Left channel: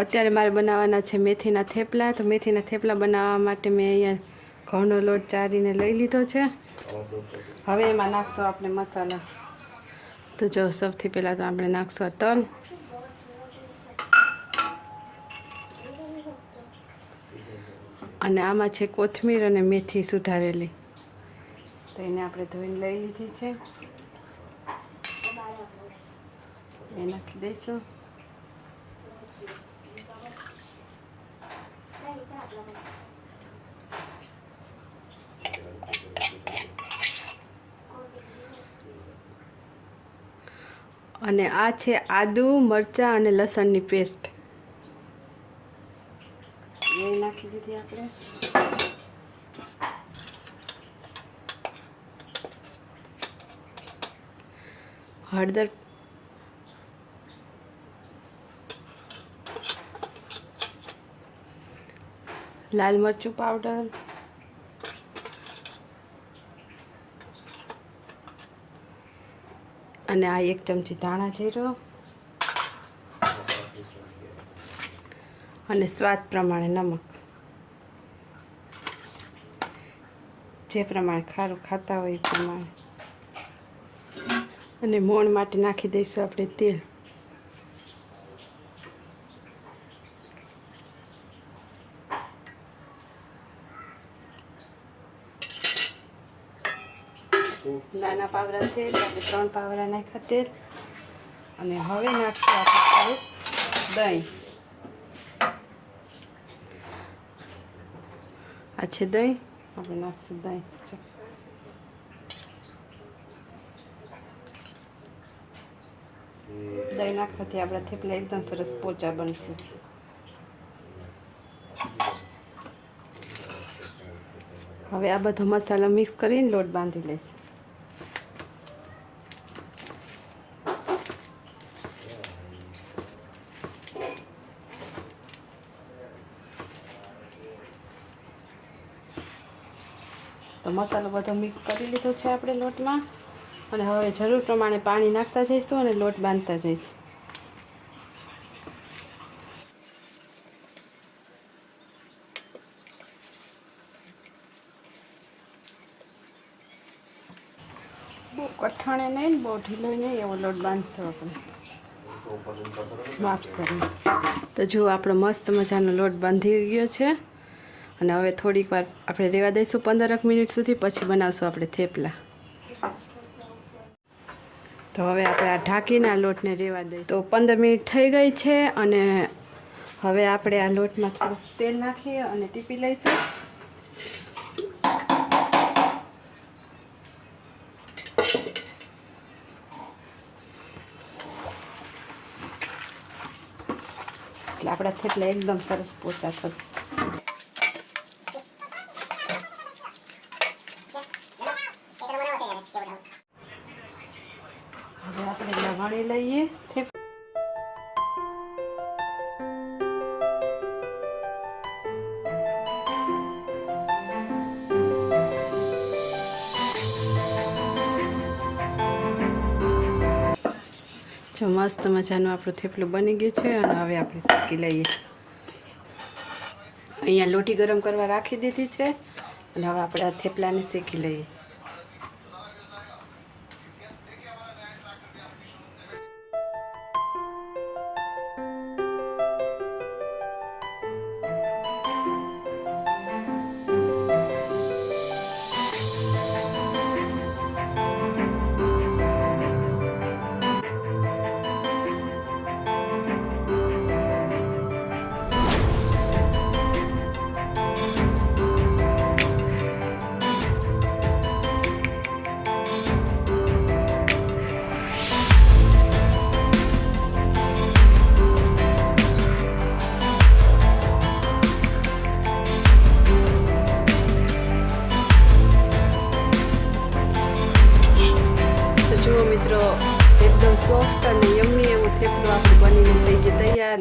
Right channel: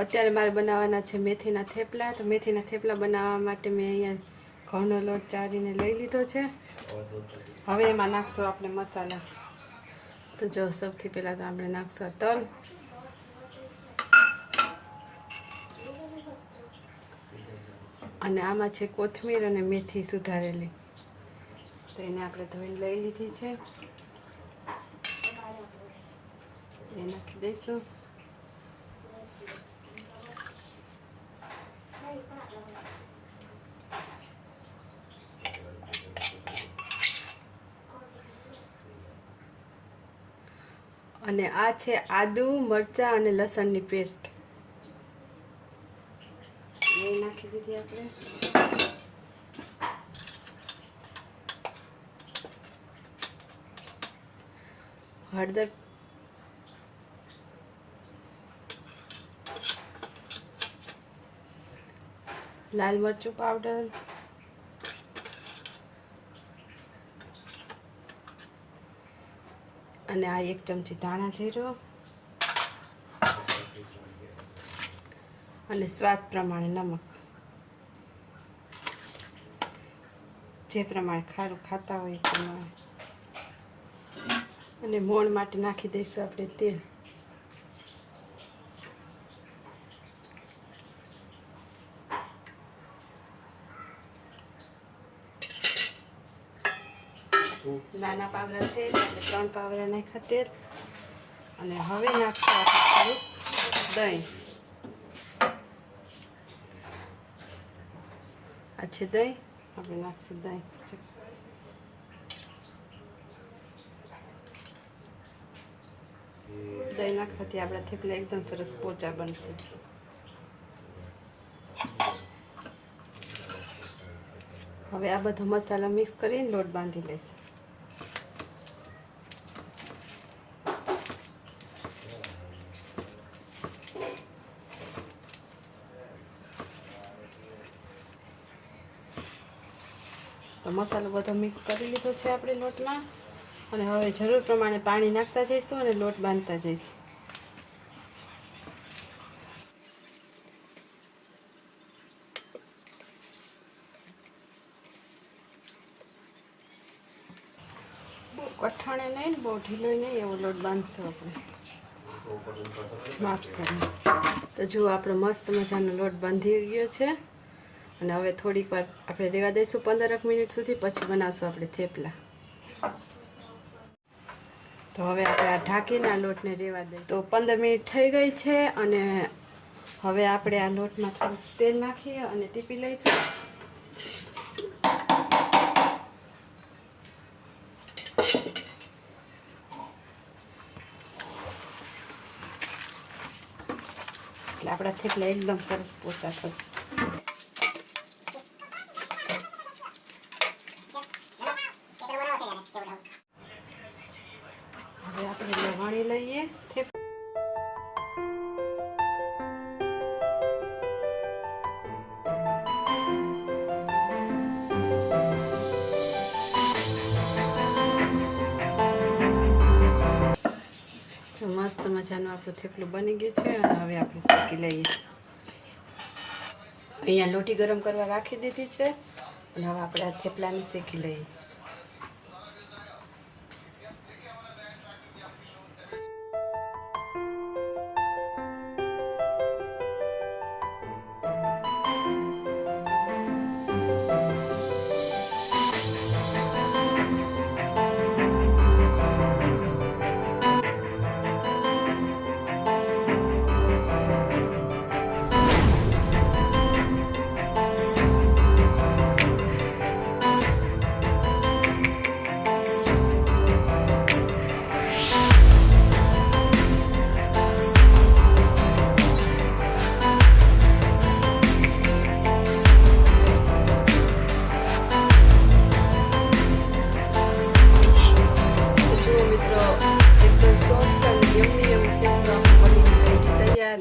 અત્યારે મારે બનાવવાના છે મેથીના થેપલા. તો મેથીના થેપલા બનાવવા માટે મેં અહીંયા ઘઉંનો લોટ ચારીને લઈ લીધો છે. હવે એમાં નાખશો આપણે મસાલા. તો જો સૌથી પહેલાં તો આપણે નાખશો તલ. અને આમાં છે કોથમીર અને મેથી સુધારેલી. તો એને આપણે ધોઈને લઈ લીધી છે. એ નાખી દઈશું. અને આ છે આદુ મરચાં અને લસણની પેસ્ટ. એ નાખી દીધી આપણે. હળદર લાલ મરચું પાવડર અને આ એક ચમચી ધાણા જીરો. અને સ્વાદ પ્રમાણે નમક. જે પ્રમાણે ખારું, ખાતા હોય એ પ્રમાણે. અને મોણ માટે નાખી દઈશું આપણે તેલ. નાના પાવડા છે ત્રણ પાવડા નાખ્યા તેલ. અને હવે નાખશું આપણે દહીં. આ છે દહીં. આપણે નાખશું દહીં. દહીં નાખવાથી આપણા થેપલા એકદમ સરસ પોચા બનશે. હવે આ બધો મસાલો મિક્સ કરીને લોટ બાંધી લઈશ. તો મસાલો બધો મિક્સ કરી લીધો છે આપણે લોટમાં. અને હવે જરૂર પ્રમાણે પાણી નાખતા જઈશું અને લોટ બાંધતા જઈશું. કઠાણે નહીં, બહુ ઢીલો નહીં એવો લોટ બાંધશું આપણે. માપસર. તો જો આપણો મસ્ત મજાનો લોટ બાંધી ગયો છે. અને હવે થોડીક વાર આપણે રહેવા દઈશું, પંદરક મિનિટ સુધી, પછી બનાવશું આપણે થેપલા. તો હવે આપણે આ ઢાંકીને લોટને રહેવા દઈશું. તો પંદર મિનિટ થઈ ગઈ છે અને હવે આપણે આ લોટમાં થોડુંક તેલ નાખીએ અને ટીપી લઈશું. એટલે આપણા થેપલા એકદમ સરસ પોચા થશે હવે લવાણી લઈએ. જો મસ્ત મજાનું આપણું થેપલું બની ગયું છે અને હવે આપણે શેકી લઈએ. અહીંયા લોટી ગરમ કરવા રાખી દીધી છે અને હવે આપણે આ થેપલાને શેકી લઈએ.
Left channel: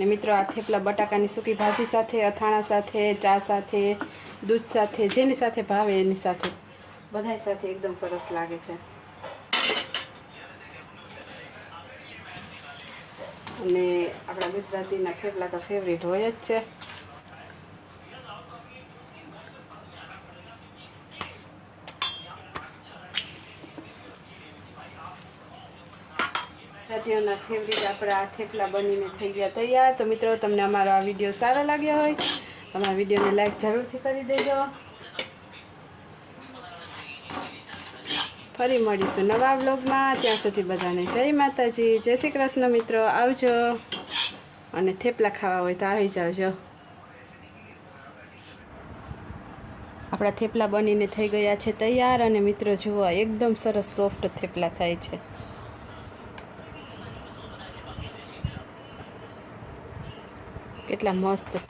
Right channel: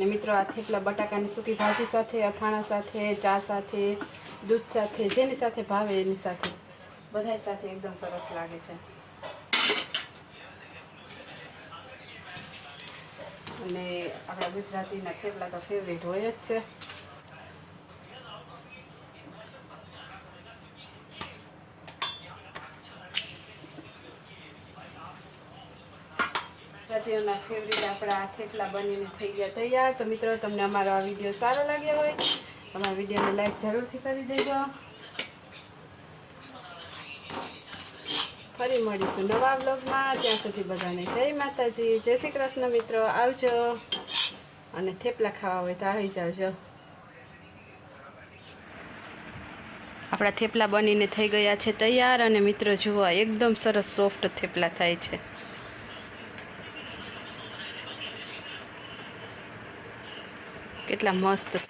મિત્રો આ થેપલા બટાકાની સૂકી ભાજી સાથે, અથાણા સાથે, ચા સાથે, દૂધ સાથે, જેની સાથે ભાવે એની સાથે. બધાય સાથે એકદમ સરસ લાગે છે. અને આપણા ગુજરાતીના થેપલા તો ફેવરેટ હોય જ છે. ગુજરાતીઓના ફેવરિટ આપણા થેપલા બનીને થઈ ગયા તૈયાર. તો મિત્રો, તમને અમારો આ વીડિયો સારો લાગ્યો હોય, અમારા વિડીયોને લાઈક જરૂરથી કરી દેજો. ફરી મળીશું નવા બ્લોગમાં ત્યાં સુધી બધાને જય માતાજી, જય શ્રી કૃષ્ણ મિત્રો. આવજો. અને થેપલા ખાવા હોય તો આવી જાવજો આપણા થેપલા બનીને થઈ ગયા છે તૈયાર. અને મિત્રો, જુઓ એકદમ સરસ સોફ્ટ થેપલા થાય છે. કેટલા મસ્ત